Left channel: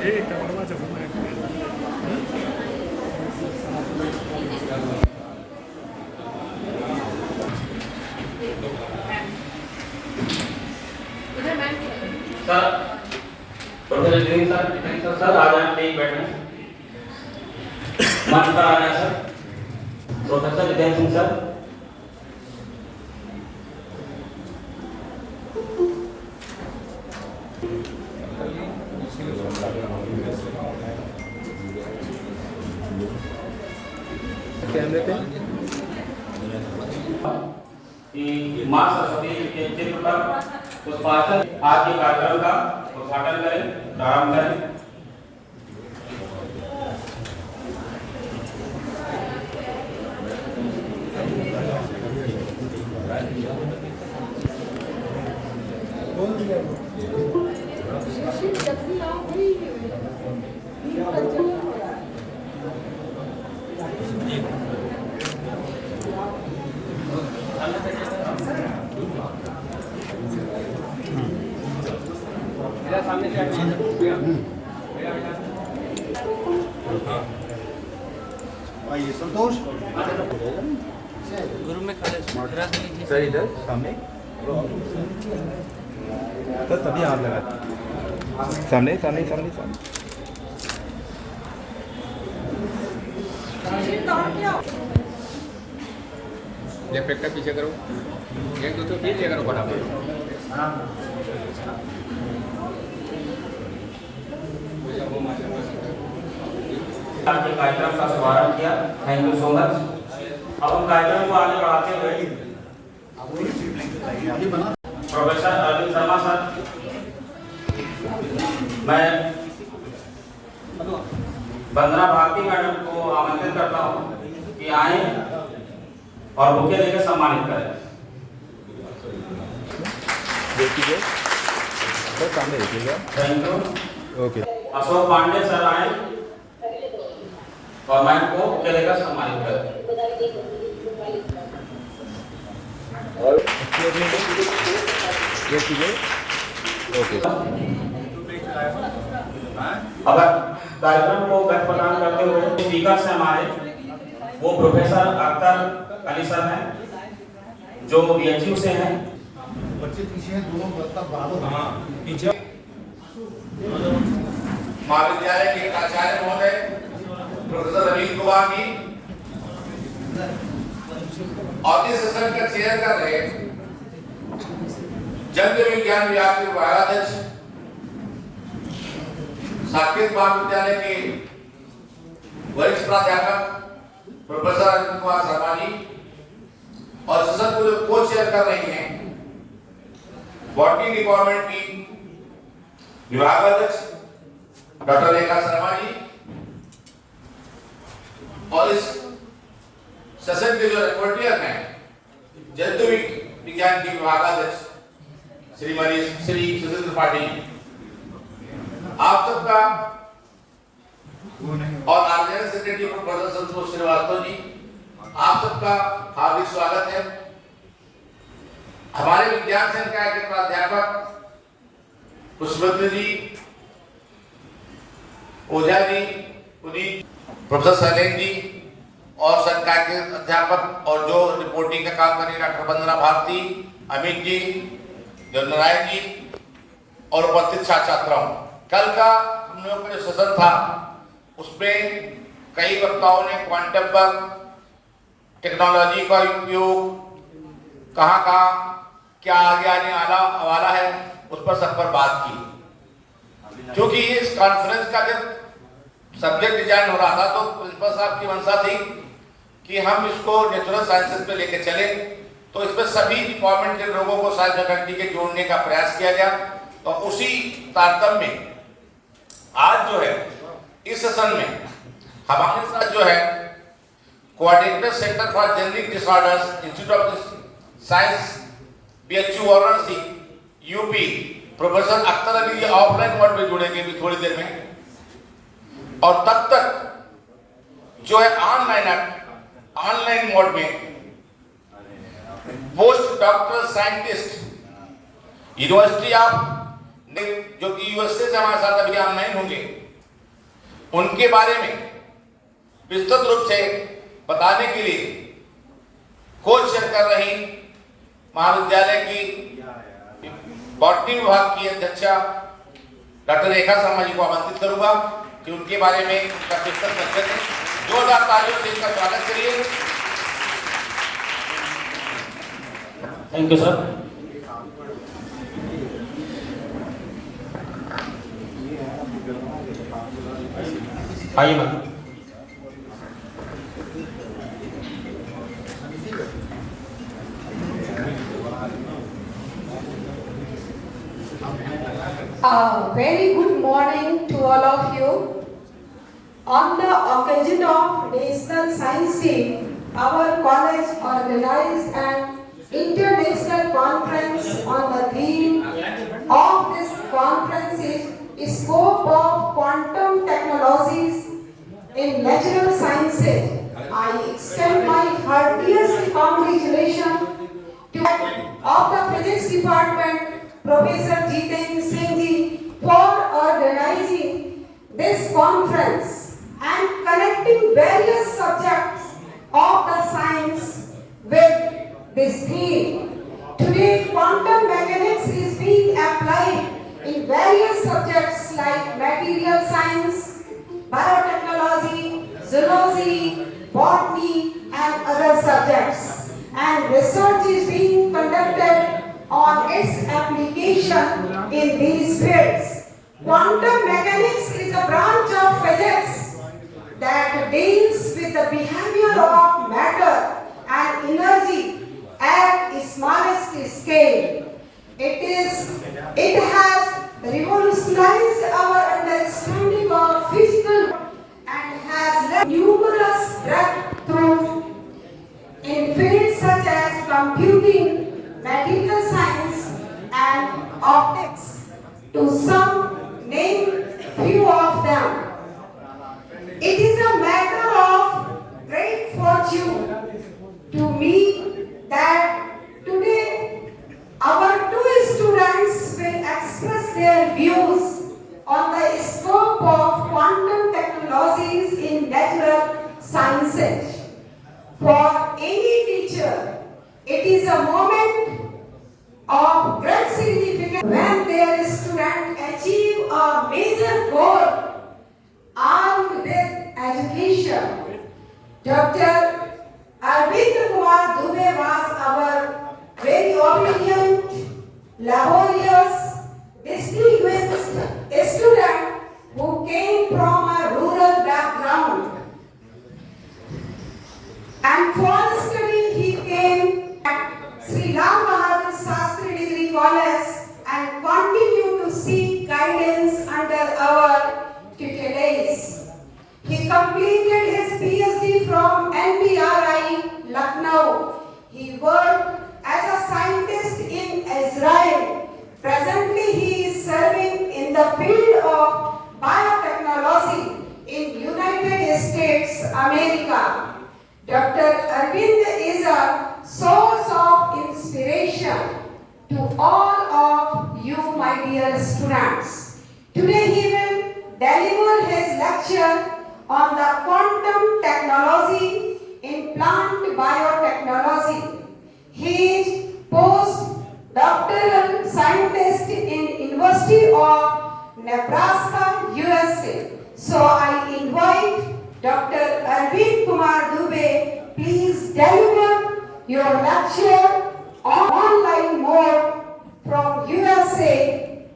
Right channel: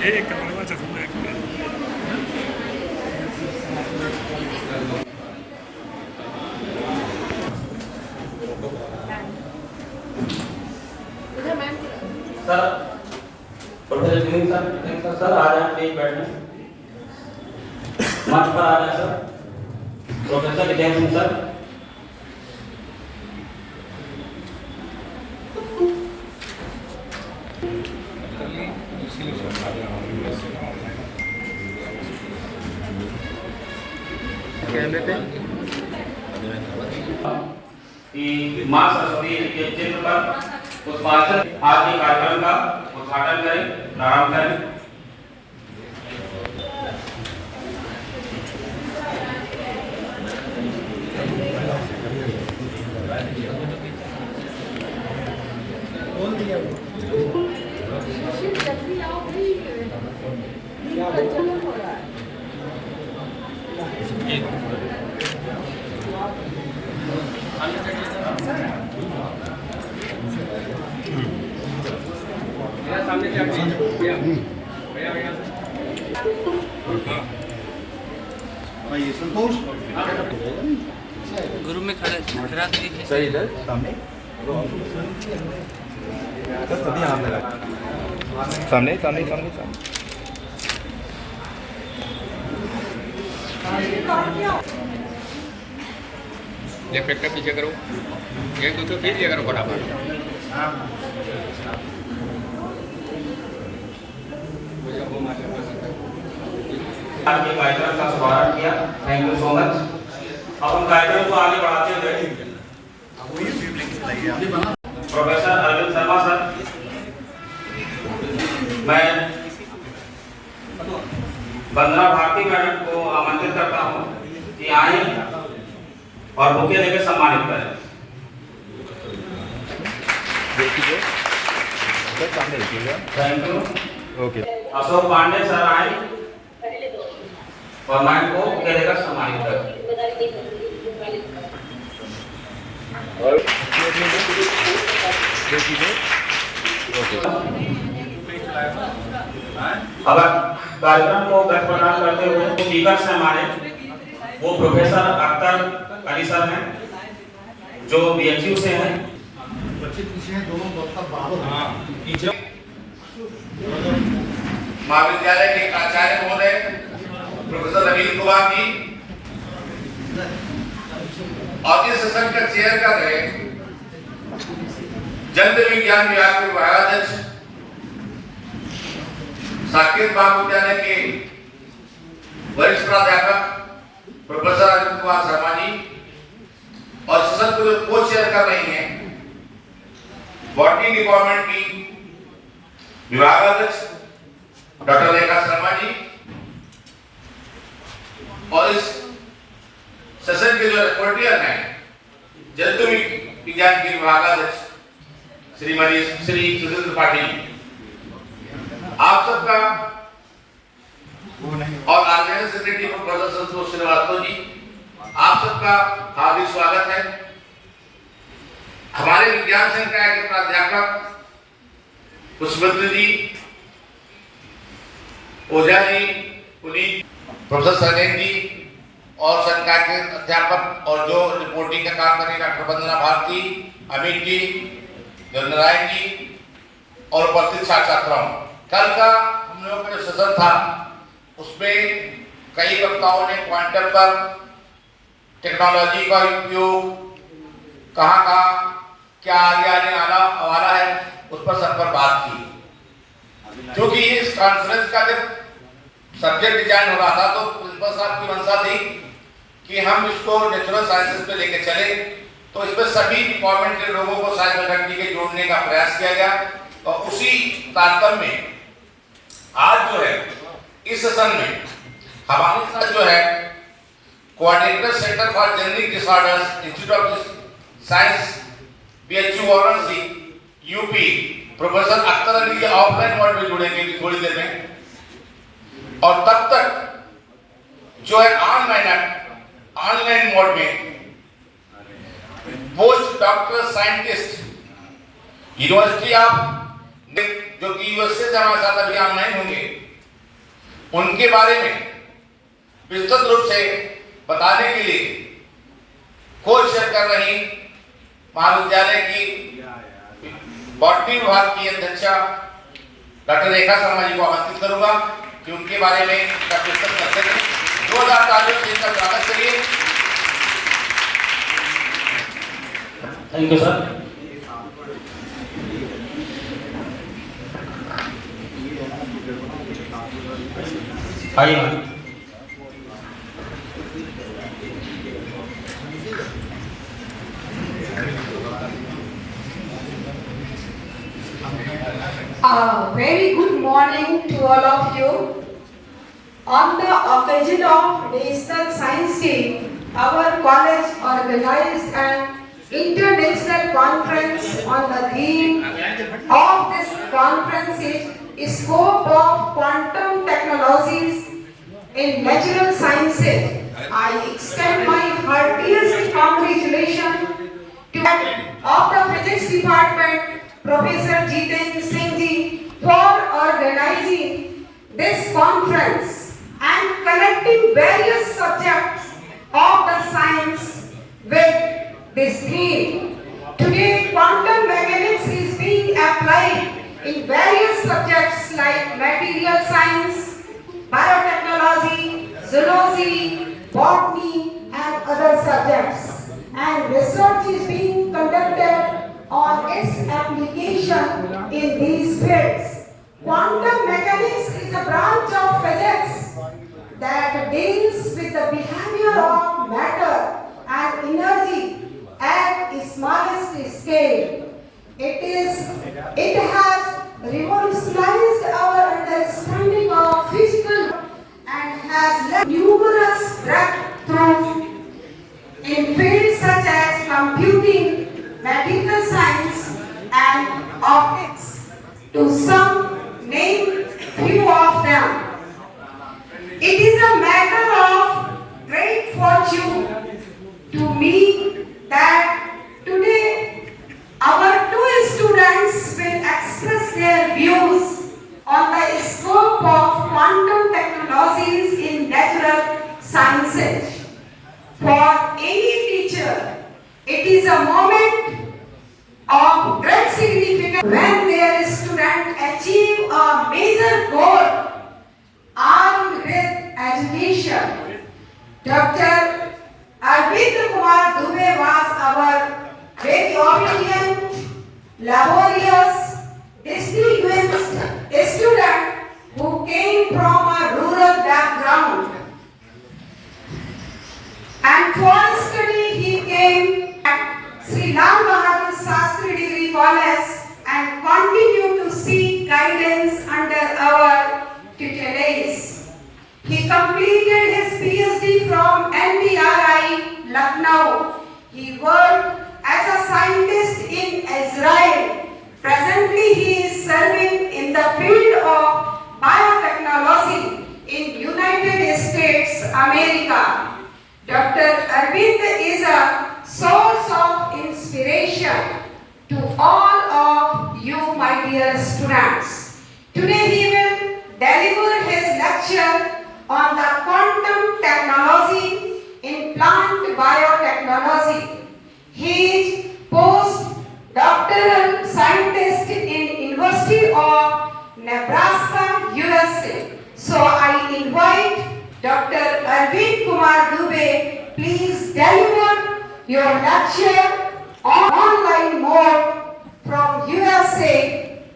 एक कामाचा समय sir professor junior sir thank sir sir आ जाए प्लीज बैठे मंच पर आ जाए sir professor Vijay Singh sir कैमरे पे कि मां सरस्वती के चित्र पर पुष्पांजलि आज के कार्यक्रम का उद्घाटन करें प्रारंभ करें बोल दिया वो ये संतोष गुरु में खड़ा सही इधर सामने सभी हाथ लगा सामने सामने सामने सामने लेफ्ट का पीछे करो एक दो तो खींच लिया करो फटाफट आज के कार्यक्रम का शुभारंभ किया थैंक यू सो मच अब हम कार्यक्रम को आगे बढ़ाते हुए प्रोफेसर अरविंद शर्मा सर मैं वंदना भारती मैडम को आमंत्रित करता हूं कि आए और बुके लेकर सम्मानित करें thank you okay Ashok Pandey sir आए और मैम को बुके लेकर सम्मानित करें अब कार्यक्रम को प्रदान करते हुए स्पीकर हैं हमारे वो प्रोफेसर अख्तर अली सर हैं जो बीएचयू से हैं बच्चे पीछे हैं दोनों बच्चा बराबर महाविद्यालय के प्राचार्य महोदय प्रोफेसर रवींद्र कुमार जी और इस सेशन का चेयर कर रहे जन विज्ञान विभाग के विभागाध्यक्ष साकेत महाविद्यालय के वरिष्ठ प्राध्यापक प्रोफेसर अरविंद कुमार शर्मा जी और सेशन को जो को चेयर कर रही हैं बॉटनी डिपार्टमेंट की विभागाध्यक्ष डॉक्टर रेखा शर्मा जी और इस सेशन के जो रिपोर्टियर हैं जंतु विज्ञान के विभागाध्यक्ष श्रीमती श्री सुरेंद्र पाटिल आप सबका और ऑर्गेनाइजिंग सेक्रेटरी प्रोफेसर संतोष श्रीवास्तव जी आप सबका हार्दिक स्वागत है। हमारे विज्ञान संकाय के प्राध्यापक पुष्पवंत जी ओझा जी पुनीत प्रोफेसर सैलेन जी और संकाय के अध्यापक और जो रिपोर्टिंग का काम करें डॉक्टर वंदना भारती अमित जी नारायण जी और उपस्थित छात्र छात्राओं कल का हम लोगों का जो सेशन था उसमें कई वक्ताओं ने क्वांटम पर टेक्नोलॉजी का उपयोग कहाँ क्या आगे आने वाला है उस पर सब पर बात की क्योंकि इस कॉन्फ्रेंस का जब सब्जेक्ट डिजाइन हो रहा था तो प्रिंसिपल साहब की मंशा थी कि हम इसको नेचुरल साइंसेज पे लेके चले तो इसमें सभी डिपार्टमेंट के लोगों को साइंस फैकल्टी के जोड़ने का प्रयास किया गया और उसी तारतम्य में आज जो है इस सेशन में हमारे साथ जो है coordinator centre for genetic disorders institute of science BHU Varanasi UP professor Akhtar Ali offline mode में जुड़ेंगे थोड़ी देर में और तब तक जो है ऑनलाइन मोड में post doctor scientist university of जो कि यूएसए से हमारे साथ अभी ऑनलाइन होंगे उनके बारे में विस्तृत रूप से बताने के लिए कोच कर रही महाविद्यालय की बॉटनी विभाग की अध्यक्षा डॉक्टर रेखा शर्मा जी को आमंत्रित करूंगा कि उनके बारे में विस्तृत परिचय दें। 2000 तालियों से इनका स्वागत करिए। Thank you sir. आइए ma'am. Very good morning to all of you. On the occasion of National Science Day, our college organized an international conference on the theme of this conference is Scope of Quantum Technologies in Natural Sciences. I extend my heartiest congratulations to of the Physics Department, Professor Jitendra Singh ji, for organizing this conference and connecting various subjects of the science with this theme. Today, quantum mechanics is being applied in various subjects like material science, biotechnology, zoology, botany, and other subjects. And research is being conducted on its application in these fields. Quantum mechanics is a branch of physics that deals with the behavior of matter and energy at the smallest scale. It has revolutionized our understanding of physical and has led numerous breakthroughs in fields such as computing, material science, and optics, to some name few of them. It is a matter of great fortune to me that today our two students will express their views on the scope of quantum technologies in natural sciences. For any teacher, it is a moment of great significance when their student achieve a major goal armed with education. Dr. Arvind Kumar Dubey was our very obedient, laborious, distinguished student who came from a rural background. And for study he came at Sri Lal Bahadur Shastri Degree College and continued to seek guidance under our tutelage. He completed his PhD from NBRI, Lucknow. He worked as a scientist in Israel. Presently he is serving in the field of biotechnology in United States, America. Dr. Arvind is a source of inspiration to all of you, my dear students. Today he will deliver his lecture on the quantum technology in plant biotechnology. He is postdoctoral scientist in University of Nebraska, USA. So I invite Dr. Arvind Kumar Dubey, please deliver your lecture on online mode from USA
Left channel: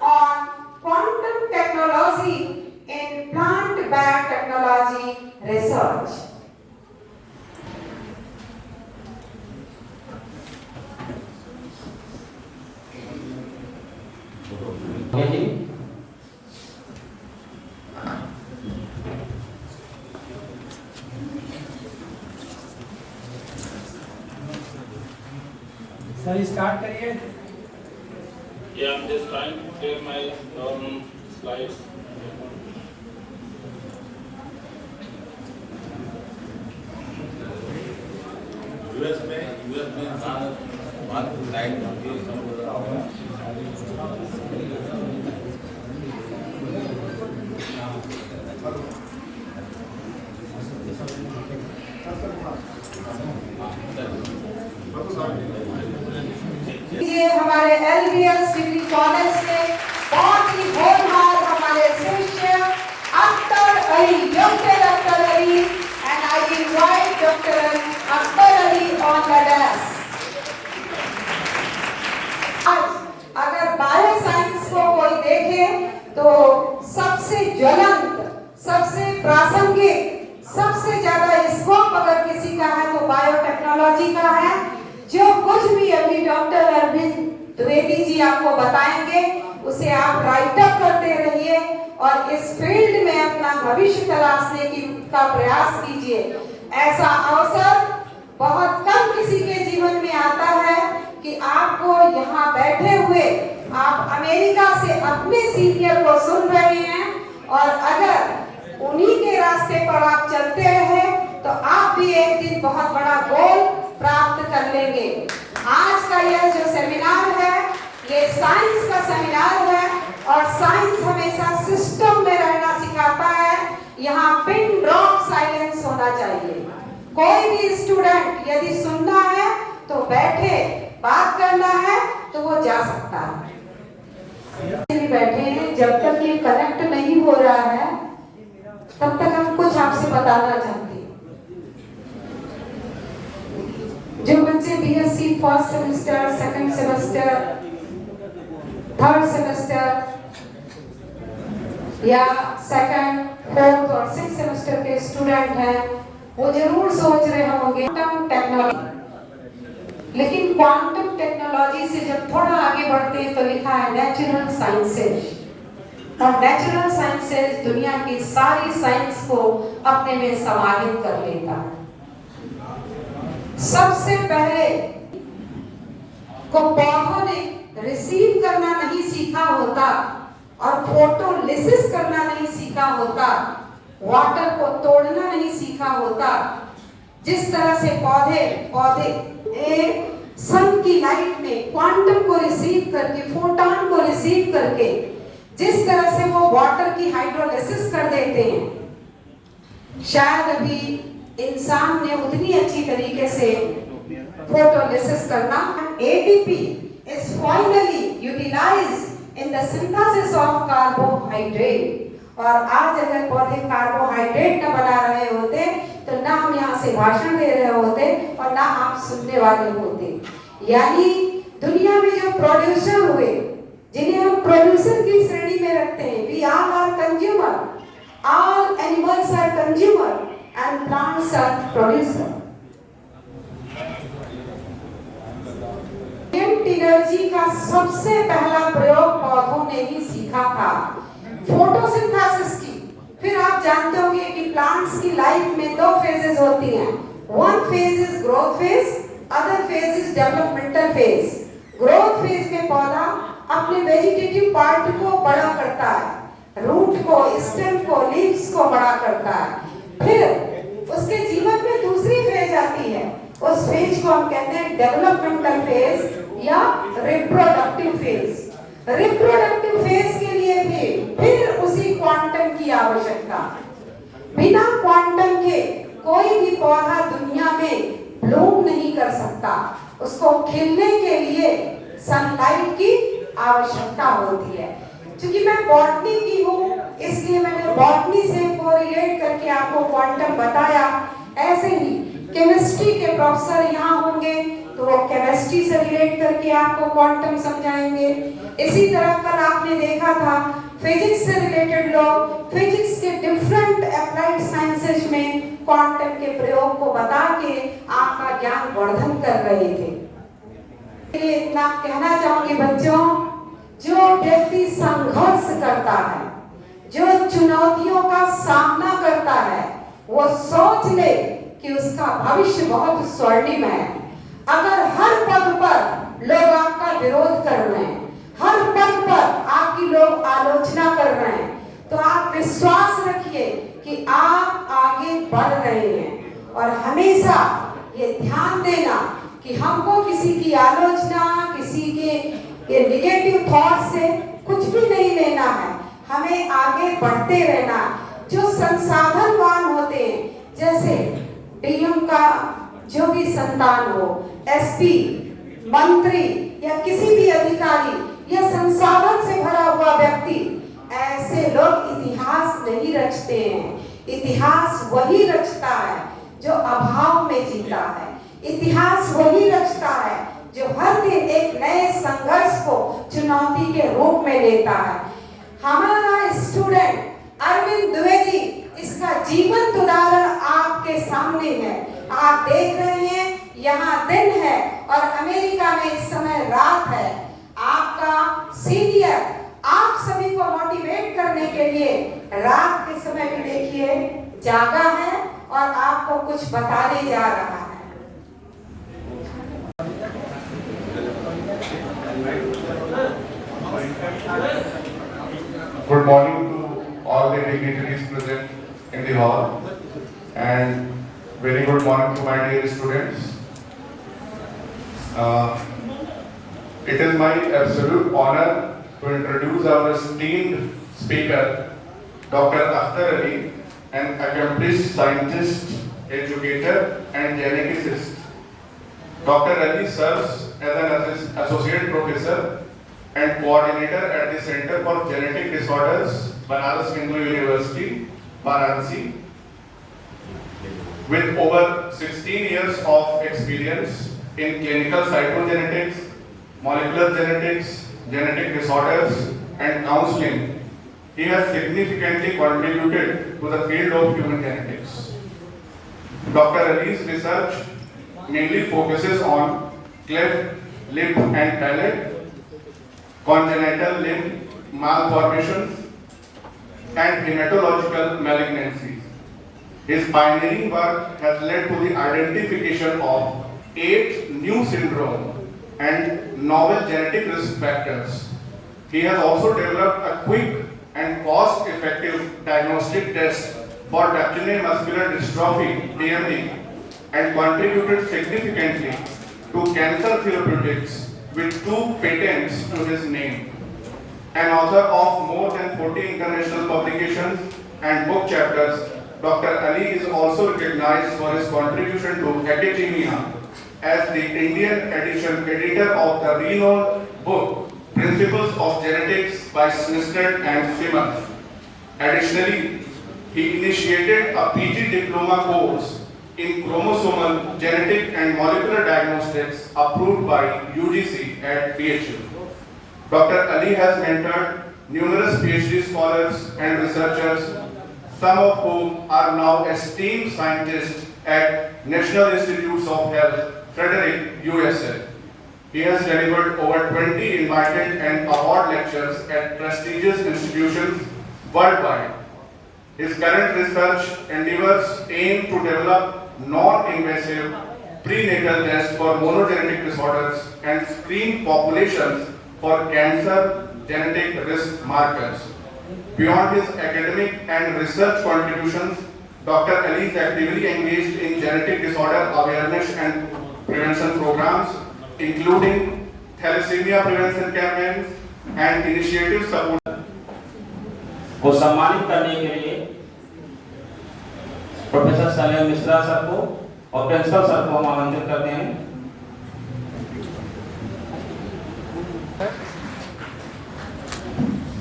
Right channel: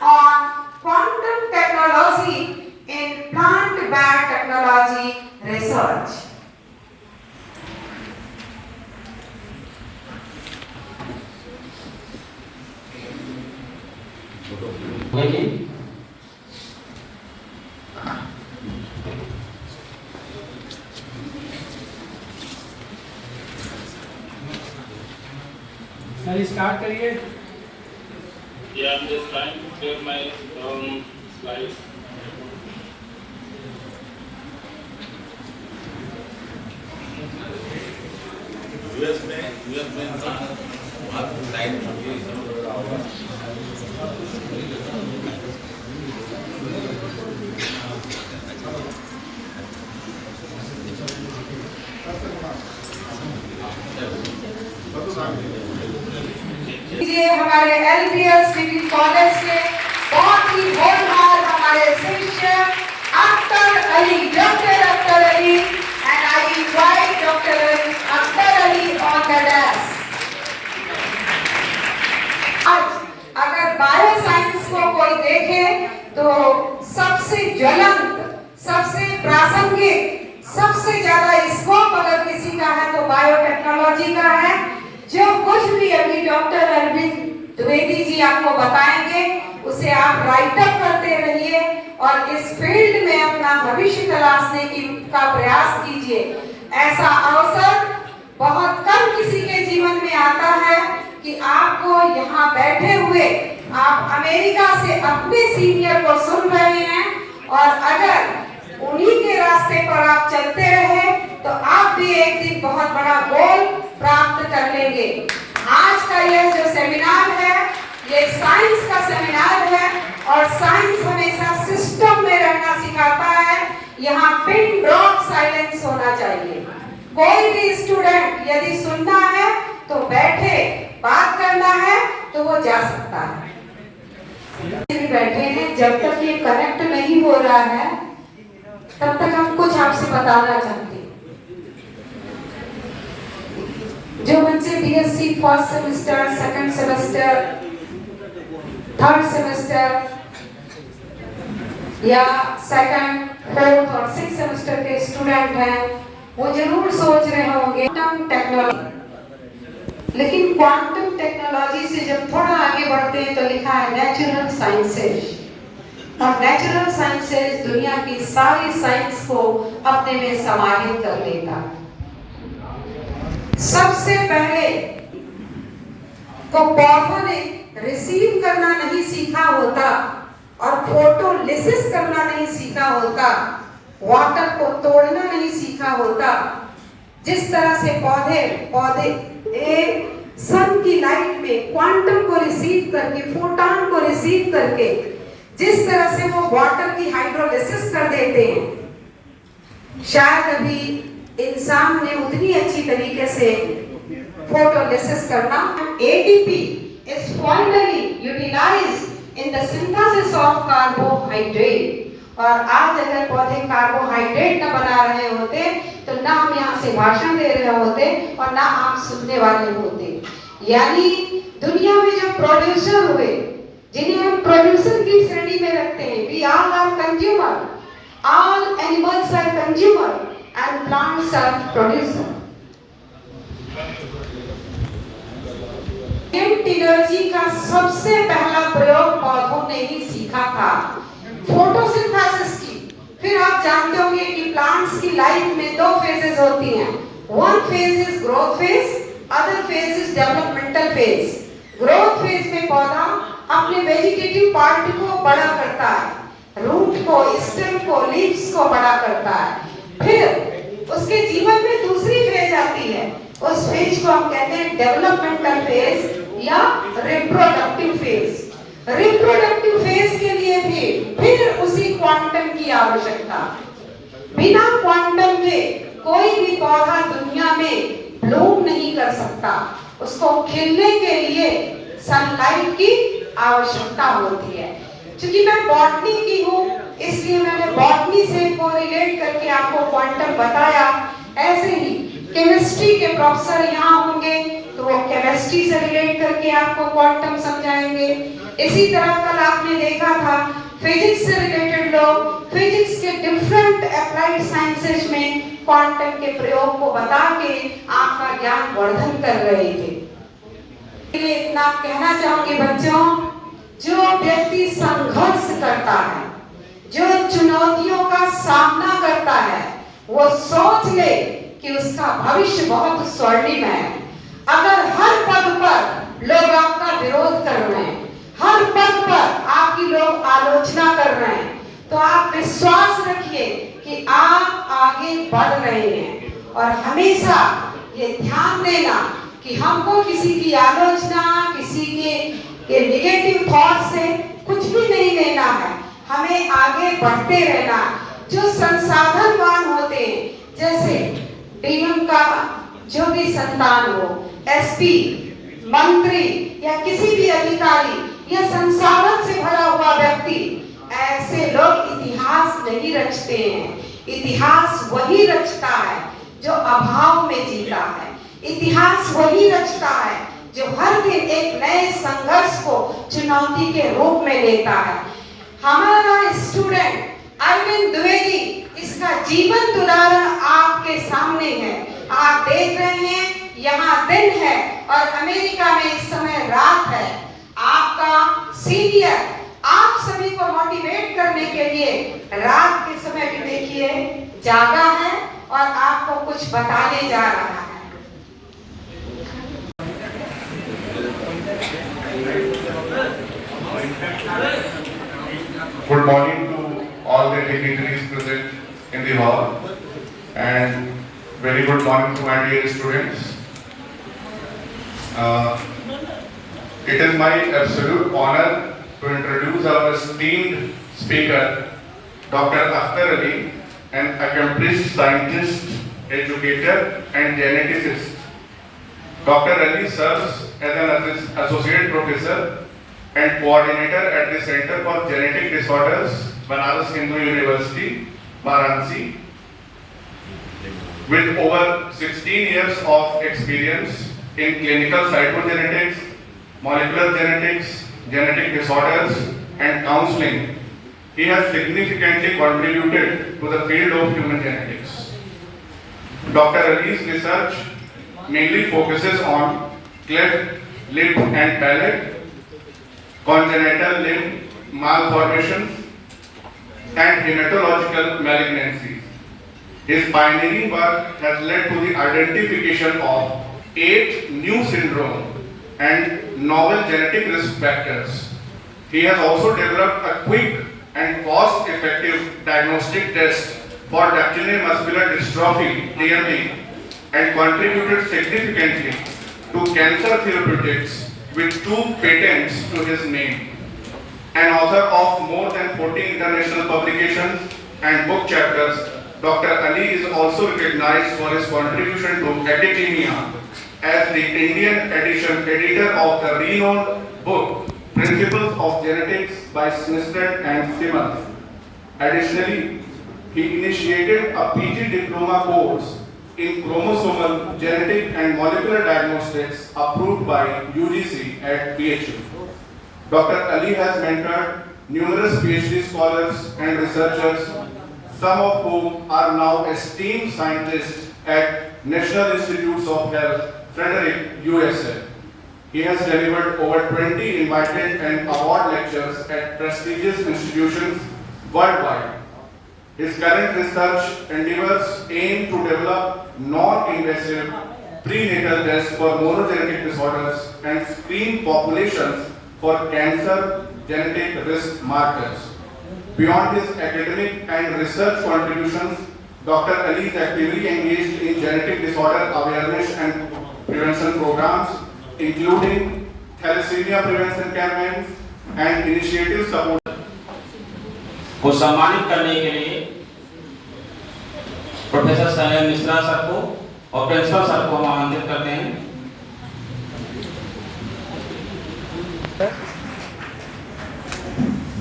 on quantum technology in plant biotechnology research. Thank you. Sir start करिए। Yeah, I'm just trying to clear my slides. US में बहुत time हमारे LBS degree college के बहुत ही होनहार हमारे शिष्य Akhtar Ali, doctor Akhtar Ali, and I invite doctor Akhtar Ali on the desk. आज अगर बायो साइंस को कोई देखे तो सबसे ज्वलंत, सबसे प्रासंगिक, सबसे ज्यादा स्कोप अगर किसी का है तो बायोटेक्नोलॉजी का है। जो कुछ भी अभी डॉक्टर अरविंद द्विवेदी जी आपको बताएंगे उसे आप राइट अप करते रहिए और इस फील्ड में अपना भविष्य तलाशने का प्रयास कीजिए। ऐसा अवसर बहुत कम किसी के जीवन में आता है कि आपको यहाँ बैठे हुए आप अमेरिका से अपने सीनियर को सुन रहे हैं, और अगर उन्हीं के रास्ते पर आप चलते रहे तो आप भी एक दिन बहुत बड़ा गोल प्राप्त कर लेंगे। आज का यह जो सेमिनार है ये साइंस का सेमिनार है और साइंस हमेशा सिस्टम में रहना सिखाता है। यहाँ पिन ड्रॉप साइलेंस होना चाहिए। कोई भी स्टूडेंट यदि सुनना है तो बैठे, बात करना है तो वो जा सकता है। बैठे हैं, जब तक ये कनेक्ट नहीं हो रहा है तब तक हम कुछ आपसे बताना चाहते हैं। जो बच्चे BSc first semester, second semester, third semester या सेकंड, फोर्थ और सिक्स सेमेस्टर के स्टूडेंट हैं वो जरूर सोच रहे होंगे क्वांटम टेक्नोलॉजी, लेकिन क्वांटम टेक्नोलॉजी से जब थोड़ा आगे बढ़ते हैं तो लिखा है नेचुरल साइंसेज, और नेचुरल साइंसेज दुनिया की सारी साइंस को अपने में समाहित कर लेता। सबसे पहले को पौधों ने रिसीव करना नहीं सीखा होता और फोटोलिसिस करना नहीं सीखा होता, वाटर को तोड़ना नहीं सीखा होता, जिस तरह से पौधे सन की लाइट में क्वांटम को रिसीव करके, फोटॉन को रिसीव करके जिस तरह से वो वाटर की हाइड्रोलिसिस कर देते हैं, शायद अभी इंसान ने उतनी अच्छी तरीके से फोटोलिसिस करना। ATP is finally utilized in the synthesis of carbohydrate, और आज अगर पौधे कार्बोहाइड्रेट न बना रहे होते तो ना हम यहाँ से भाषण दे रहे होते और ना आप सुनने वाले होते। यानी दुनिया में जो प्रोड्यूसर हुए, जिन्हें हम प्रोड्यूसर की श्रेणी में रखते हैं, we all are consumer, all animals are consumer and plants are producer। Energy का सबसे पहला प्रयोग पौधों ने ही सीखा था, फोटोसिंथेसिस की। फिर आप जानते होंगे कि प्लांट्स की लाइफ में दो फेजेस होती हैं, one phase is growth phase, other phase is developmental phase. Growth phase में पौधा अपने वेजिटेटिव पार्ट को बड़ा करता है, रूट को, स्टेम को, लीव्स को बड़ा करता है। फिर उसके जीवन में दूसरी फेज आती है, उस फेज को हम कहते हैं डेवलपमेंटल फेज या रिप्रोडक्टिव फेज। रिप्रोडक्टिव फेज के लिए भी फिर उसी क्वांटम की आवश्यकता। बिना क्वांटम के कोई भी पौधा दुनिया में ब्लूम नहीं कर सकता, उसको खिलने के लिए सनलाइट की आवश्यकता होती है। क्योंकि मैं बॉटनी की हूँ इसलिए मैंने बॉटनी से कोरिलेट करके आपको क्वांटम बताया। ऐसे ही केमिस्ट्री के प्रोफेसर यहाँ होंगे तो वो केमिस्ट्री से रिलेट करके आपको क्वांटम समझाएंगे। इसी तरह कल आपने देखा था फिजिक्स से रिलेटेड लोग फिजिक्स के डिफरेंट अप्लाइड साइंसेस में क्वांटम के प्रयोग को बता के आपका ज्ञान वर्धन कर रहे थे। इतना कहना चाहूंगी बच्चों, जो व्यक्ति संघर्ष करता है, जो चुनौतियों का सामना करता है, वो सोच ले कि उसका भविष्य बहुत स्वर्णिम है। अगर हर पद पर लोग आपका विरोध कर रहे हैं, हर पद पर आपकी लोग आलोचना कर रहे हैं, तो आप विश्वास रखिए कि आप आगे बढ़ रहे हैं। और हमेशा ये ध्यान देना कि हमको किसी की आलोचना, किसी के निगेटिव थॉट से कुछ भी नहीं लेना है, हमें आगे बढ़ते रहना है। जो संसाधनवान होते हैं, जैसे डीएम का जो भी संतान हो, एसपी, मंत्री, या किसी भी अधिकारी या संसाधन से भरा हुआ व्यक्ति, ऐसे लोग इतिहास नहीं रचते हैं। इतिहास वही रचता है जो अभाव में जीता है। इतिहास वही रचता है जो हर दिन एक नए संघर्ष को चुनौती के रूप में लेता है। हमारा स्टूडेंट अरविंद द्विवेदी इसका जीवंत उदाहरण आपके सामने है। आप देख रहे हैं यहाँ दिन है और अमेरिका में इस समय रात है। आपका सीनियर आप सभी को मोटिवेट करने के लिए रात के समय भी देखिए जागा है और आपको कुछ बताने जा रहा है। Good morning to all the dignitaries present in the hall, and very good morning to my dear students. It is my absolute honor to introduce our esteemed speaker, Dr. Akhtar Ali, an accomplished scientist, educator, and geneticist. Dr. Ali serves as an associate professor and coordinator at the Center for Genetic Disorders, Banaras Hindu University, Varanasi. With over 16 years of experience in clinical cytogenetics, molecular genetics, genetic disorders, and counseling, he has significantly contributed to the field of human genetics. Dr. Ali's research mainly focuses on cleft lip and palate, congenital limb malformations, and hematological malignancies. His pioneering work has led to the identification of 8 new syndromes and novel genetic risk factors. He has also developed a quick and cost-effective diagnostic test for Duchenne muscular dystrophy (DMD) and contributed significantly to cancer therapeutics with 2 patents to his name. An author of more than 40 international publications and book chapters, Dr. Ali is also recognized for his contribution to academia as the Indian editor of the renowned book Principles of Genetics by Smithson and Simmons. Additionally, he initiated a PG diploma course in chromosomal, genetic and molecular diagnostics approved by UGC at PHU. Dr. Ali has mentored numerous PhD scholars and researchers, some of whom are now esteemed scientists at National Institutes of Health, Frederick, USA. He has delivered over 20 invited and award lectures at prestigious institutions worldwide. His current research endeavors aim to develop non-invasive prenatal tests for monogenetic disorders and screen populations for cancer genetic risk markers. Beyond his academic and research contributions, Dr. Ali is actively engaged in genetic disorder awareness and prevention programs, including thalassemia prevention campaigns and initiatives support. को सम्मानित करने के लिए professor Salim Mishra sir को और principal sir को हम आमंत्रित करते हैं।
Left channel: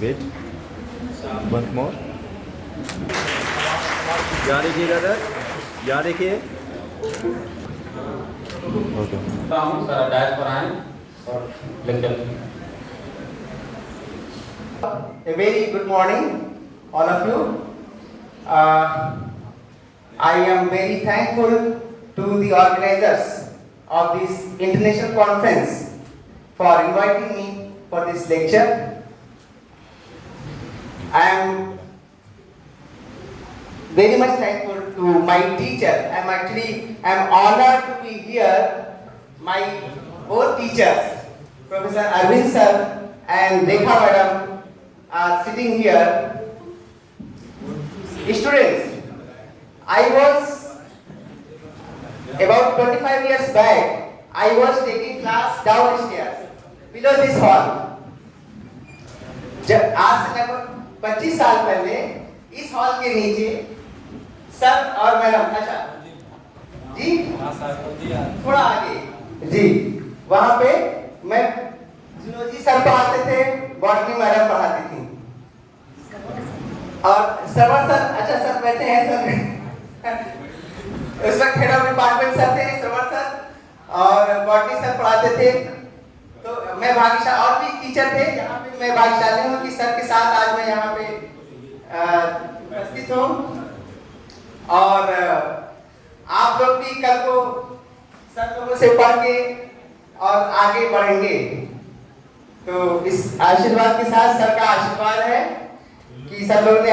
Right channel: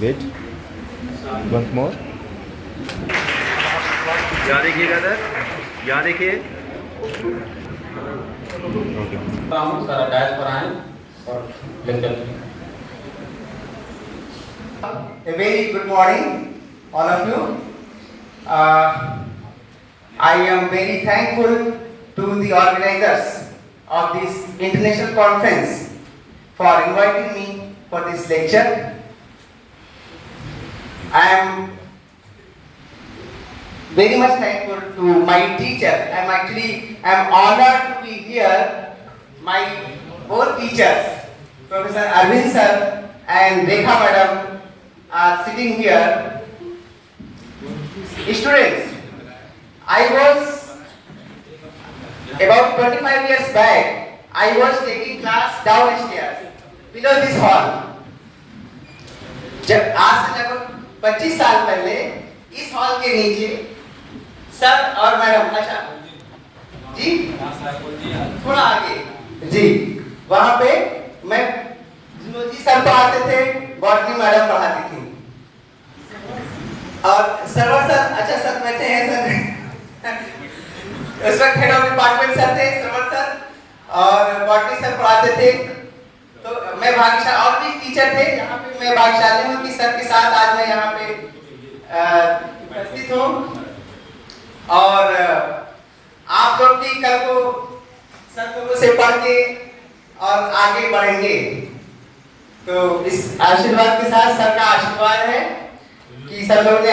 वेट वंस मोर, यहाँ देखिएगा सर, यहाँ देखिए। सर डायल पर आए और lecture. A very good morning, all of you. I am very thankful to the organizers of this international conference for inviting me for this lecture. I am very much thankful to my teacher. I am honored to be here. My both teachers, Professor Arvind sir and Rekha madam, are sitting here. Students, I was about 25 years back, I was taking class downstairs below this hall. जब आज से लगभग 25 साल पहले इस hall के नीचे sir और मैडम, अच्छा जी थोड़ा आगे जी, वहां पे मैं जूलॉजी सर पढ़ाते थे, बॉटनी मैडम पढ़ाती थी। और सरवर सर, अच्छा सर बैठे हैं सर उस वक्त हेड ऑफ डिपार्टमेंट सर थे सरवर सर, और बॉटनी सर पढ़ाते थे। तो मैं भाग्यशाली, और भी टीचर थे, यहाँ पे मैं भाग्यशाली हूँ कि सर के साथ आज मैं यहाँ पे उपस्थित हूँ। और आप लोग भी कल को सर लोगों से पढ़ के और आगे बढ़ेंगे। तो इस आशीर्वाद के साथ सर का आशीर्वाद है कि सब लोग ने